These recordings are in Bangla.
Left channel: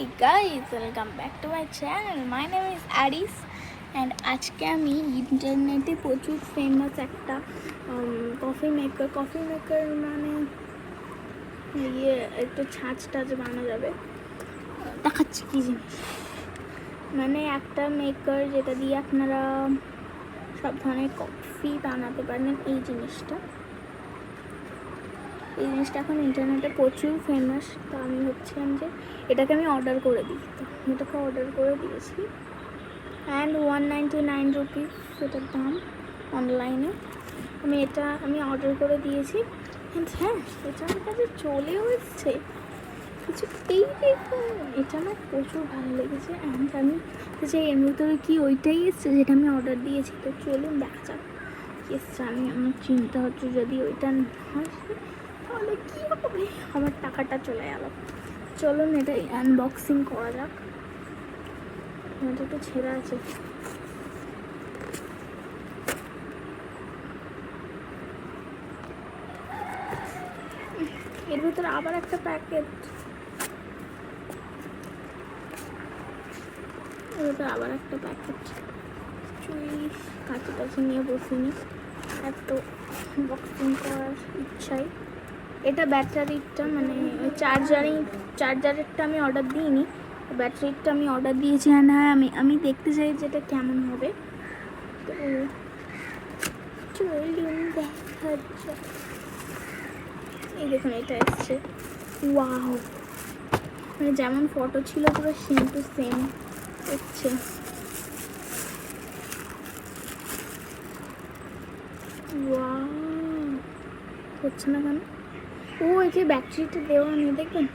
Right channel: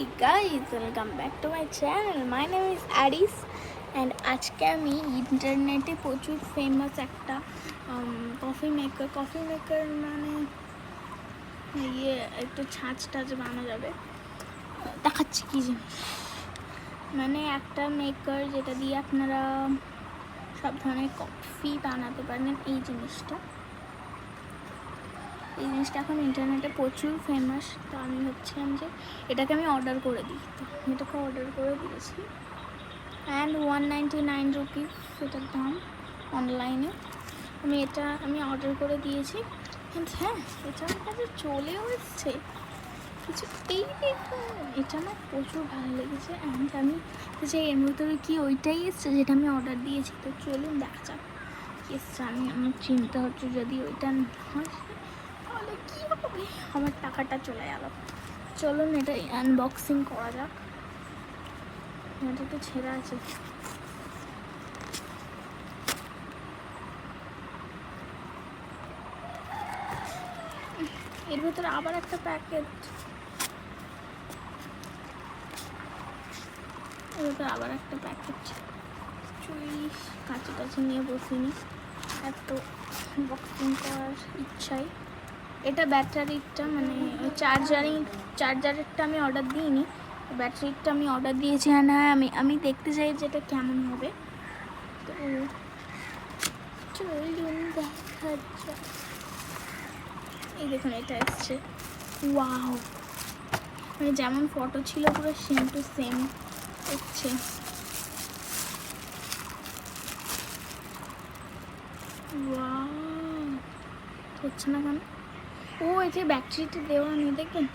Hey guys, welcome back to my channel. My name is Aris and আজকে আমি ইন্টারনেটে প্রচুর ফেমাস একটা কফি মেকার মানে ইয়ে একটু ছাঁচটা যে বানানো যাবে দেখাচ্ছি কি জিনিস, মানে একটা মেকার যেটা দিয়ে আপনারা সব ধরনের কফি বানাতে পারেন। এই জিনিসটা এখন ইন্টারনেটে প্রচুর ফেমাস। তো আমি ভাবছিলাম যে এটাকে আমি অর্ডার করে দিই, তো এটাকে অর্ডার করে দিয়েছি অ্যান্ড 199 রুপিস এটার দাম অনলাইনে। আমি অর্ডার করে দিয়েছি অ্যান্ড হ্যাঁ, এটা আমার কাছে চলেও এসছে কিছু। এই এটা আমার প্রচুর ভালো লেগেছে অ্যান্ড আমি যে এর ভিতরে কি ওইটাই এসছে যেটা আমি অর্ডার দিয়েছি। তো চলুন দেখা যাক এসছে। আমার চিন্তা হচ্ছে যদি ওইটা না হয় তাহলে কী হবে, আমার টাকাটা চলে গেল। চলুন এটা আনবক্সিং করা যাক। এটা তো ছেঁড়া আছে। এর ভিতরে আবার একটা প্যাকেট, কাঁচি টাচি নিয়ে বসিনি, এত বক্সিং করার ইচ্ছাই। এটা ব্যাটারিটা মানে চার্জারেরটা আমি অর্ডার দিইনি, ব্যাটারিটা আমি অর্ডার দিয়েছি। হ্যাঁ আমি দেখতে চাই যে এটা কেমন হবে। তো চলুন দেখা যাক। এই দেখুন এটা এসছে, ওয়াও, মানে যেমন ফটো ছিল পুরো সেম টু সেম এসছে। ওয়াও, হচ্ছে না কেন? ও এই যে ব্যাটারিটা দেওয়া নেই, দেখবেন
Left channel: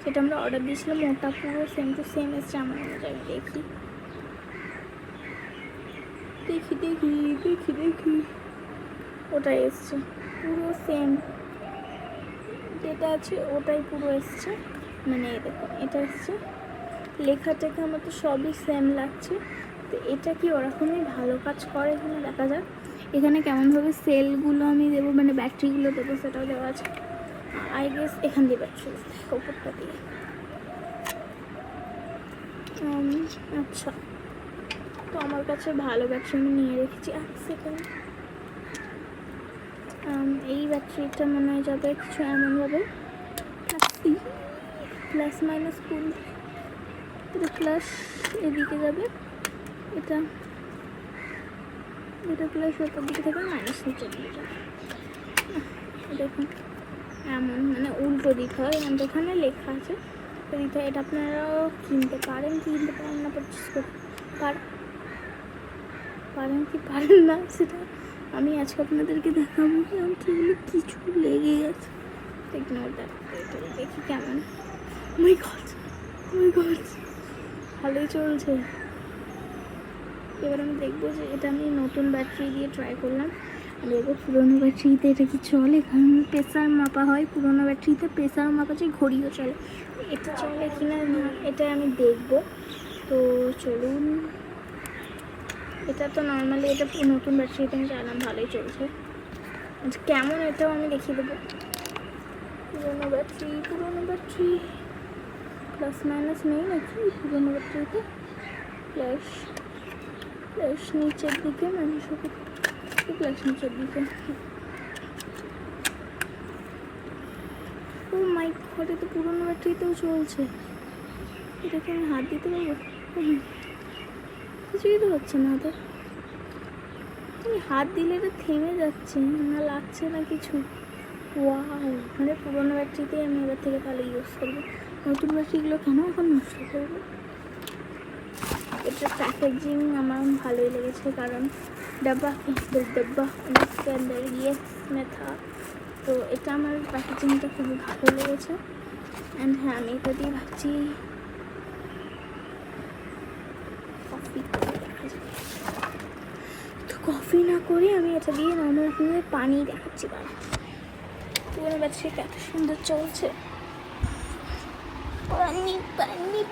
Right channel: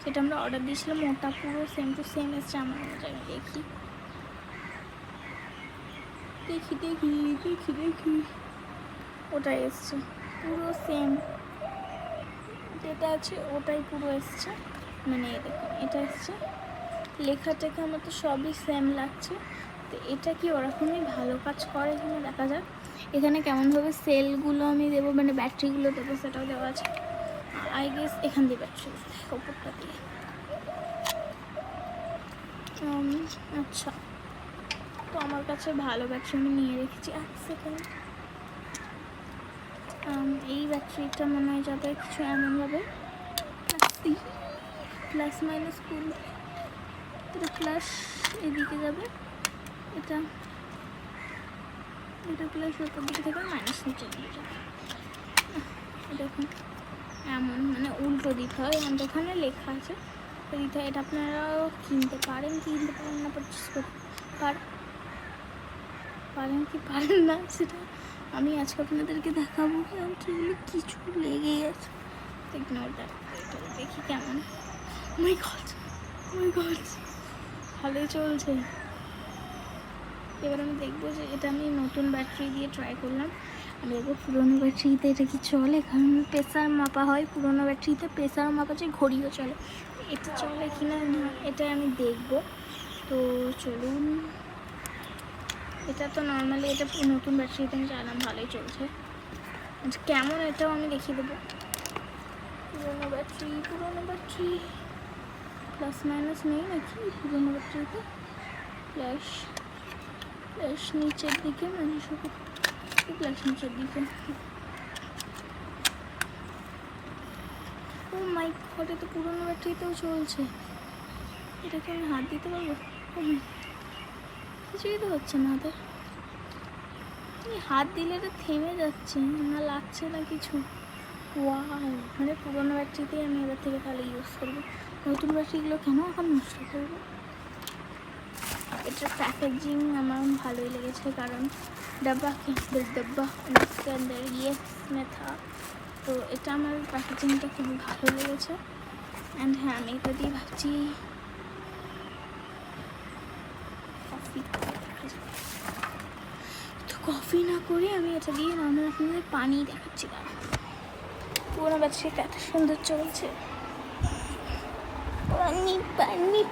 সেটা আমরা অর্ডার দিয়েছিলাম, ওটা পুরো সেম টু সেম এসছে। আমার মনে আমি দেখি ওটাই এসছে পুরো সেম, যেটা আছে ওটাই পুরো এসছে। মানে দেখুন এটা এসছে, লেখা টেখা আমার তো সবই সেম লাগছে। তো এটা কি ওরকমই ভালো কাজ করে কিনা দেখা যাক। এখানে কেমনভাবে সেলগুলো আমি দেবো, মানে ব্যাটারিগুলো দেবো সেটাও দেওয়া আছে। আই গেস এখান দিয়ে ব্যাটারি ওপরটা দিয়ে। আচ্ছা, তো আমার কাছে ভালো ব্যাটারি আমি নিয়ে রেখেছি। এক সেকেন্ড, এই ব্যাটারিটা মনে হয় যাবে কিছু এমনভাবে প্লাস মাইনাস কুল, এটা প্লাস এদিকে যাবে, এটা প্লাস ওপর দিকে থেকে মাইনাস নিচে নিয়ে যাবে। দেখুন এমন মানে উল্টো দিক হয়, এমন এখানে লেখা আছে দিতে। এটা আপনারা কিনতে পারেন না, পারচেস করতে পারেন কি পারেন না সেটা আমি আজকে আপনাদেরকে দেখাবো। সেগুলো কিছু লেগে গেছে, দেখি কেমন। ওই গড, ভালোই চলছে। এবার আমি দেখবো যে এটা আমি নতুন ব্যাটারি দিয়ে ট্রাই করলাম। আমি দেখবো পুরোনো ব্যাটারিতে এটা কি চলে, কারণ প্রেসার মাপা হয় পুরোনো ব্যাটারিতে, প্রেসার মাপা যে ঘড়িও চলে, এটা চলে কিনা এটা আমি দেখবো। তো চলুন, এটা তো নর্মালি এটা নতুন ব্যাটারিতে আমি চাইলাম, ভালোই চলছে। কেমন এটাও আমি দেখিয়ে দেবো। পুরোনো ব্যাটারি প্লাস মাইনাস নেই নাকি পুরোনো ব্যাটারিতে? প্লাস নিচের দিকে, মানে শুধু প্লাস নিচের দিকে। ও মাই গড, তো পুরোনো ব্যাটারিতেও চলছে। এটাকে আমি হাত দিতে পারবো? কিছুই তো হচ্ছে না ওদের। হাত দিলে এটা থেমে যাচ্ছে না, লাগছে না কিছু। ওয়াও, মানে পুরোনো ব্যাটারিতেই আমি এবার থেকে তাহলে ইউজ করবো। নতুন ব্যাটারিগুলো কেন এখন নষ্ট করবো? এটার প্যাকেজিং আমার ভালোই লেগেছে, কারণ डब्बा इसके अंदर ये में था। তো এটা আমার প্যাকেজিংটা খুবই ভালো লেগেছে অ্যান্ড হ্যাঁ, আমি এটা দিয়ে ভাবছি কফি করে দেখা যাবে। তো কফি না করে আমি এটা দিয়ে নর্মাল পানি দেখাচ্ছি, কারণ পুরোনো ব্যাটারিটা এত সুন্দর চলছে।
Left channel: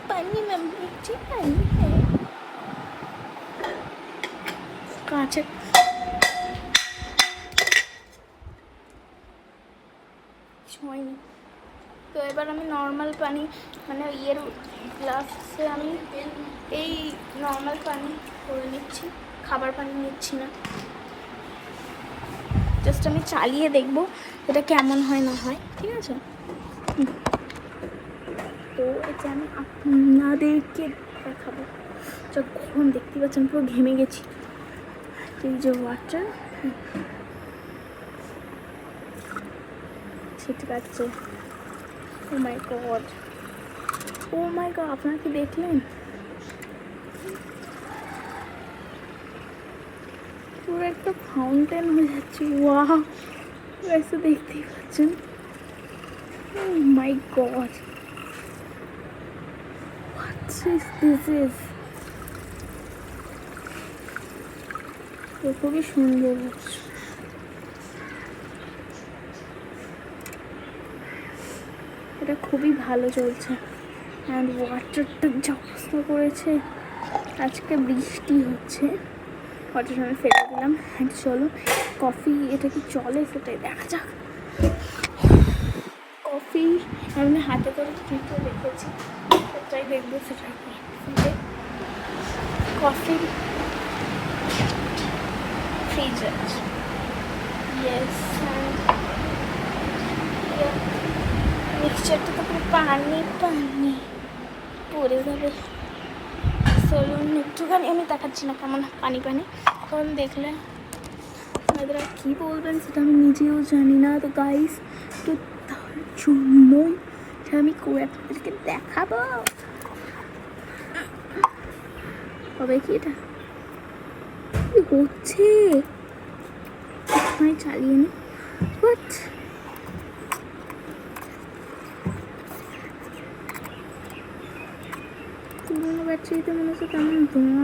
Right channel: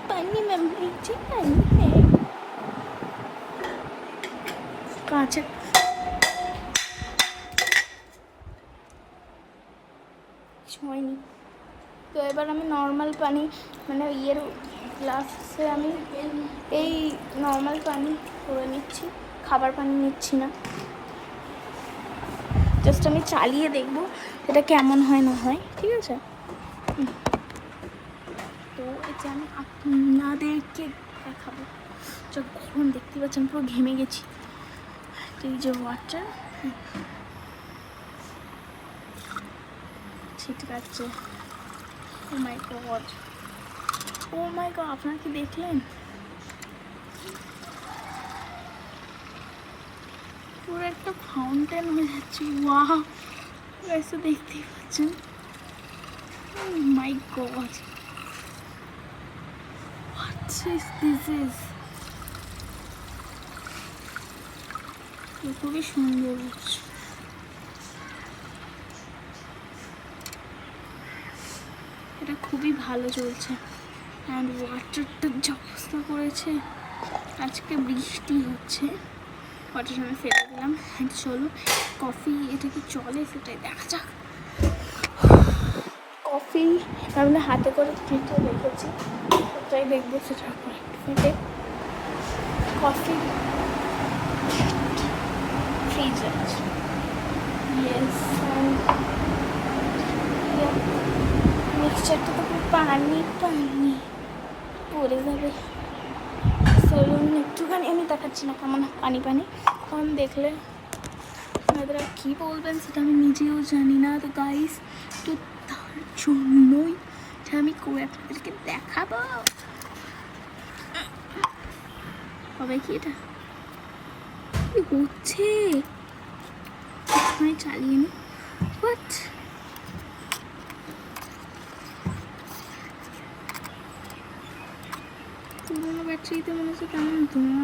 পানি না বলছি, পানি কাঁচা হয়নি। তো এবার আমি নর্মাল পানি মানে ইয়ের গ্লাসে আমি এই নর্মাল পানি করে নিচ্ছি, খাবার পানি নিচ্ছি না। জাস্ট আমি চালিয়ে দেখবো এটা কেমন হয় না হয়, ঠিক আছে? তো এটা আমি আপনাদেরকে দেখাবো। যা গরম দেখতে পাচ্ছেন, পুরো ঘেমে গেছি। এই যে ওয়াটার ছিটকাচ্ছে। ও মাই গড, ও মাই গড, আপনারা কি দেখলেন? পুরো একটা ফাউন্টেন হয়ে যাচ্ছে। ওয়াও, এসে দেখতেই পাচ্ছেন। ও মাই গড, হোয়াট ইজ দিস? খুবই সুন্দর লাগছে। এটা খুবই ভালো চলছে। আর ওয়াটারটা যা অবস্থা করেছে, আজকে বৃষ্টি হচ্ছে। ওয়াটার আমি ফেলে দিলাম। চলো কফি এটা কি চলে সেটাই দেখা যাক। কফি আমি হাতে করে ফ্রিজে রেখেছি, সেটাই দেখবো। সেটা কফি ফ্রিজে আছে। ইয়েস, মিক্সচারটা তো পুরো পানি পানি পড়ে যাবে। চলুন একটুখানি, আমি দেখাচ্ছি না কেমন পানি পানি, কারণ দেখলে আপনারা কী বলবেন সেটা আমি নিজেও জানি না। তো গাইস, তো তার জন্যই আমি আপনাদেরকে দেখাবো। হবে কি এটা হচ্ছে, আমি চালিয়ে নি। হোয়াট, পুরোনো ব্যাটারিতে মনে হচ্ছে কেমন ধোঁয়া।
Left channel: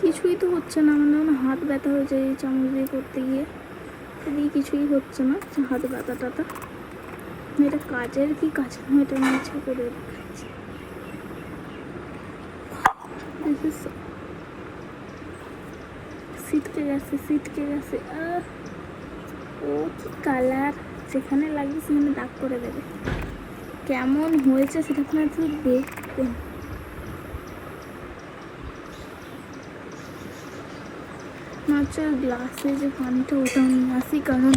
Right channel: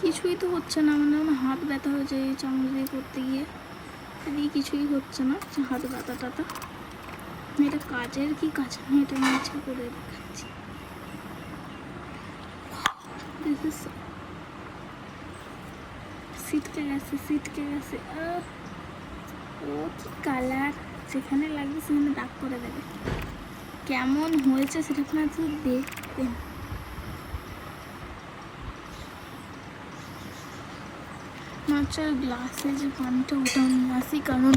কিছুই তো হচ্ছে না, মানে হাত ব্যথা হয়ে যায় এই চামচ দিয়ে করতে গিয়ে। এদিকে কিছুই হচ্ছে না, হাত ব্যথা টাতা। এটা কাজের কি কাজ না, এটা আমি ইচ্ছা করে দেখাচ্ছি। সিটকে গেছে। ও কি কালার, যেখানে লাগবে সেখানে দাগ করে দেবে। কেমন হয়েছে সেটা আপনারা তো দেখবেন। হচ্ছে গ্লাসে যে পানিটা ওটাও নিয়ে আসি, কারণ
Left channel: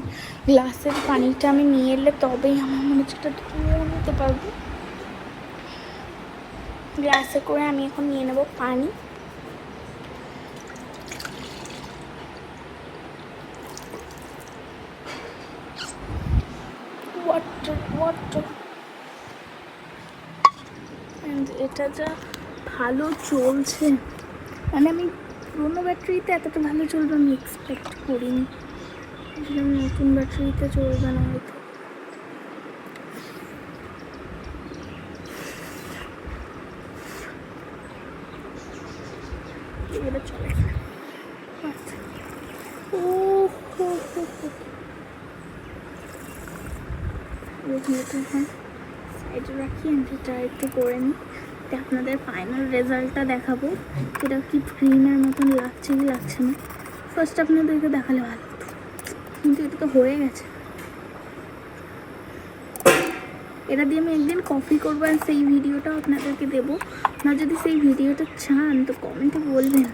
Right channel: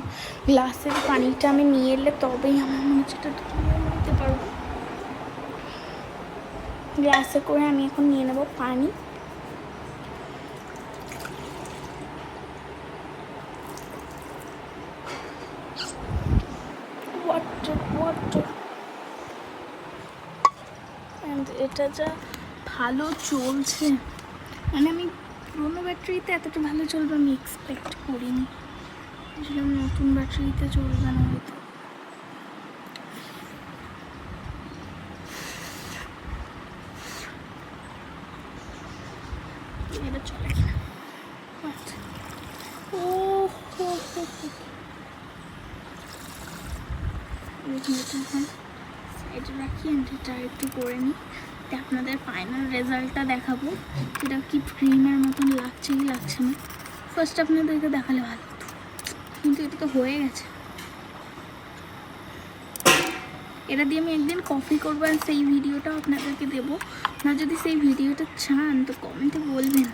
গ্লাসের পানিটা আমি নিয়ে এলে তবেই আমার মনে হচ্ছে এটা ধুয়ে নিতে পারবো। গ্লাসে করে আমি এখন নিয়ে নেবো পানি। ওয়াটার অ্যান্ড এটা যা ভালো চলছে, মানে আমি পুরোনো ব্যাটারিতে এতটা ভালো চলবে আমি এক্সপেক্ট করিনি। আসলে আমি নতুন ব্যাটারিতে চলবে না হয়তো। এবার চলে কিনা। আচ্ছা, ও হো হো হো, এখন সাইডে রাখি। এটা একটু করে নিই, আপনাদের ফাইনাল রেজাল্টটা দেখাবো। এটা কি ক্রিমের মতন লাগছে কি লাগছে না, ফার্স্ট আপনাদেরকে দেখালে ভালো হতো, কিন্তু এটা তো হয়ে গেছে। এটা দিয়ে আমি একদিন কফি করবো, আর সেই ভিডিওটাও আপনাদেরকে দেবো। আপনারা যদি সেই ভিডিওটা চান তো কমেন্টে বলবেন,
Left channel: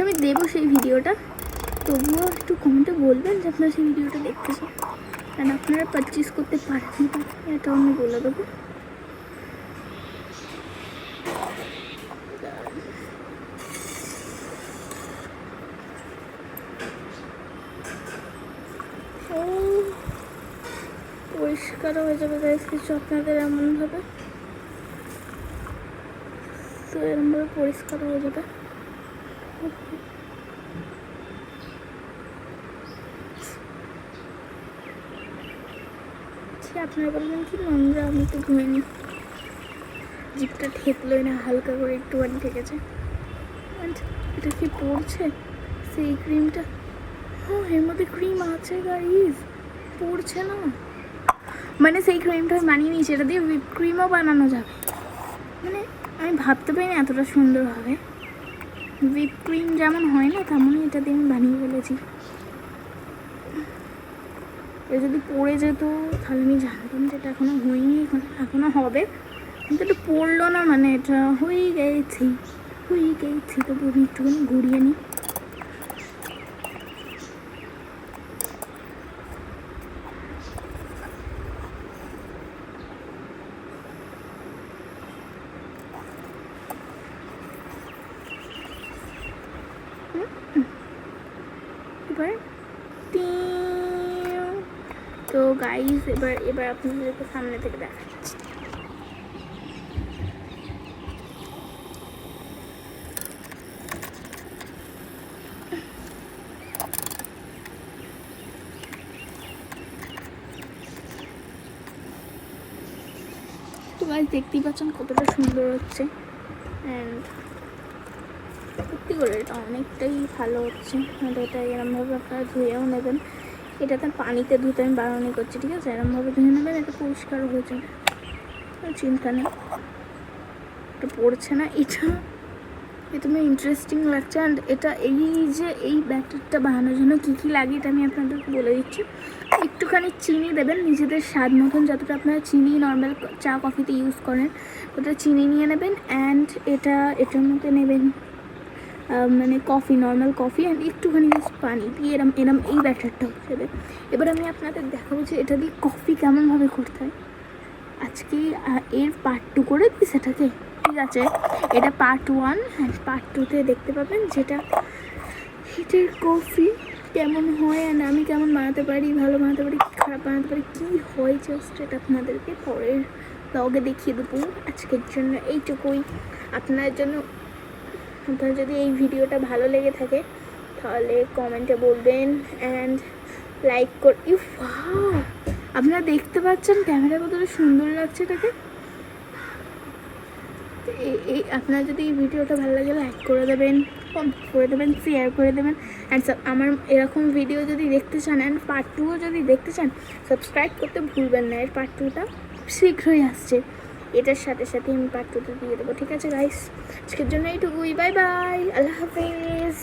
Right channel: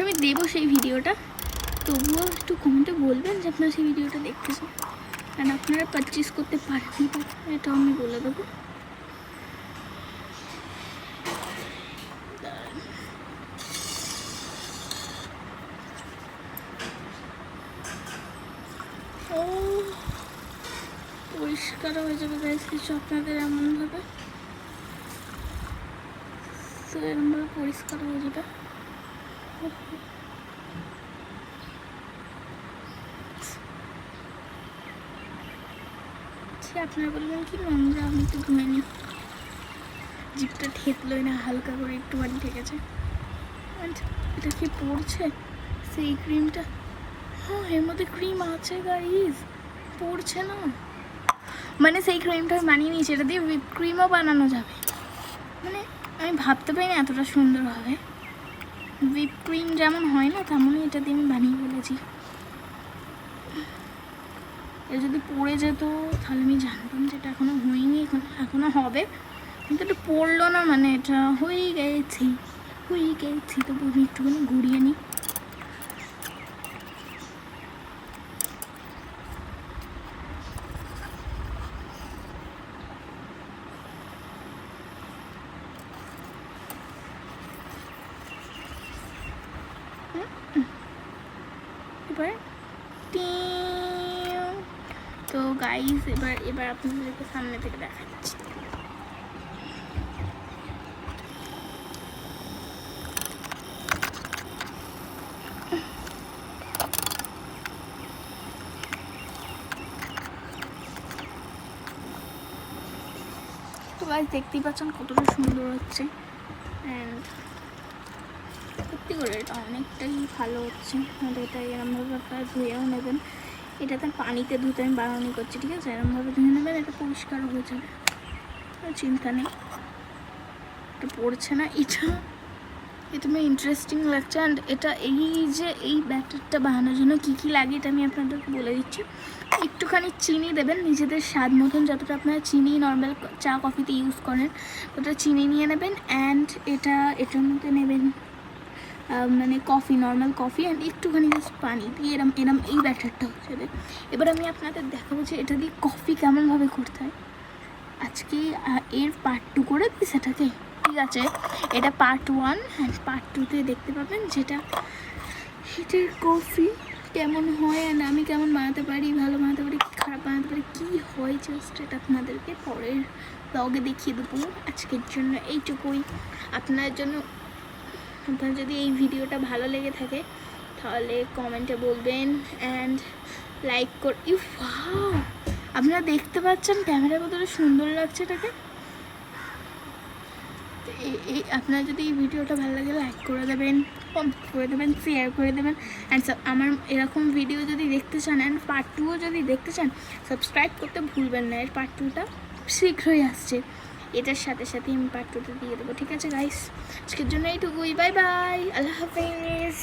আমি দেবো সেই ভিডিওটা। তবুও একটু কমেন্টে বলবেন যে আপনারা সেই ভিডিওটা দেখতে চান, কারণ আপনারা পারচেস করতে পারেন, এটাও আমি বলে দেবো। পরিষ্কার হয়ে যাবে গাইস কিছু আপনাদের এমনভাবে, তো এরমভাবে পরিষ্কার হয়ে যাবে। আপনারা বলবেন কি নোংরা, আমি একটু ধুয়ে নিই। জিপটা ঠেকলোই না, হালকা করে একটুখানি ঠেকেছে। এটা কি পড়ছে সেই ক্রিমটা? হ্যাঁ, এর মধ্যে ক্রিম আছে গাইস, পড়ছে না। মানে সেই ক্রিমটা বানিয়ে নিয়েছি, এটা দিয়ে হুইপ ক্রিমও বানানো যাবে। মানে আমি ভাবতে পারি না এতটা সুন্দর হবে। হুইপ ক্রিম যেমন হয় না, তেমনই এটা দিয়ে আমি বানিয়ে ফেলেছি। এটা যদি পড়ে যেত তাহলে আমি জানতাম যে এটা এখনও হয়নি, এখনও হবে, কিন্তু এটা পড়লো না মানে এটা হয়ে গেছে। তবু আমি একটুখানি ঘুরিয়ে নিই। এবার তো গাইস এবার আপনাদেরকে সামনে থেকে দেখাচ্ছি। তো গাইস দেখতেই পাচ্ছেন কতটা সুন্দর হচ্ছে, অ্যান্ড সত্যি করে এটা অনেকটাই ভালো হচ্ছে। আর এটা এরমভাবে আপনারা ধুয়েও নেবেন, এটাতে পানিতে ধুতে আমি বারণই করছি, ঠিক আছে? এরমভাবে ধুয়ে নেবেন, এটা পরিষ্কার হয়ে যাবে, চিন্তা নেই। এটা পড়ছে না, এটা আমার ইন্টারেস্টিং লাগছে। অ্যান্ড এটা এই ব্যাটারটা বানানোর জন্য কী কী লাগে এটা আমি আপনাদেরকে বলে দিচ্ছি। একটুখানি চিনি দেবেন নিজেদের স্বাদ মতন, যতটা আপনারা চিনি নর্মাল চা কফিতে ইউজ করেন ততটা চিনি নিয়ে নেবেন। অ্যান্ড এটার মধ্যে নেবেন মানে কফি, নর্মাল কফি, অ্যান্ড একটুখানি জাস্ট পানি দিয়ে এরম এই ব্যাটারটা হচ্ছে। এবার আমি আপনাদের দেখাবো যে এটা দিয়ে কফি কেমনভাবে করতে হয়। আজকে এর পার্ট 2 করে দিই সেটাকে, ঠিক আছে? এটা পার্ট 1, অ্যান্ড পার্ট 2তে দেখতে পাবেন যেটা হিটের কফি কেমন হয়, অ্যান্ড আমি কেমন বানাতে পারি, ভালো বানাতে পারি, খারাপ বানাতে পারি, কী হয় জাস্ট এটা আপনাদেরকে পরের ব্লগে দেখিয়ে দেবো। আজকের জন্য এইটুকুই। আপনার যদি এই ভিডিওটা ভালো লেগে থাকে তাহলে কমেন্টে বলবেন, অ্যান্ড লাইক আপনারা দেখতে পাচ্ছেন ক্যামেরা কতটা সুন্দর লাগছে এটাকে। এই আপনারা যদি এই ভিডিওটা ভালো লাগে লাইক করে দেবেন, কমেন্ট করে দেবেন, শেয়ার করে দেবেন। অ্যান্ড আমার এরকম ভিডিও যদি দেখতে চান, অ্যান্ড পার্ট 2ও যদি দেখতে চান, সাবস্ক্রাইব করতে ভুলবেন না। এর পার্ট 2টা শীঘ্রই আসছে, এটার সাথে সাথে আমি পার্ট 2টা দিয়ে দেবো, ঠিক আছে গাইস? আজকের জন্য এইটুকুই, বাই বাই, আল্লাহ হাফেজ।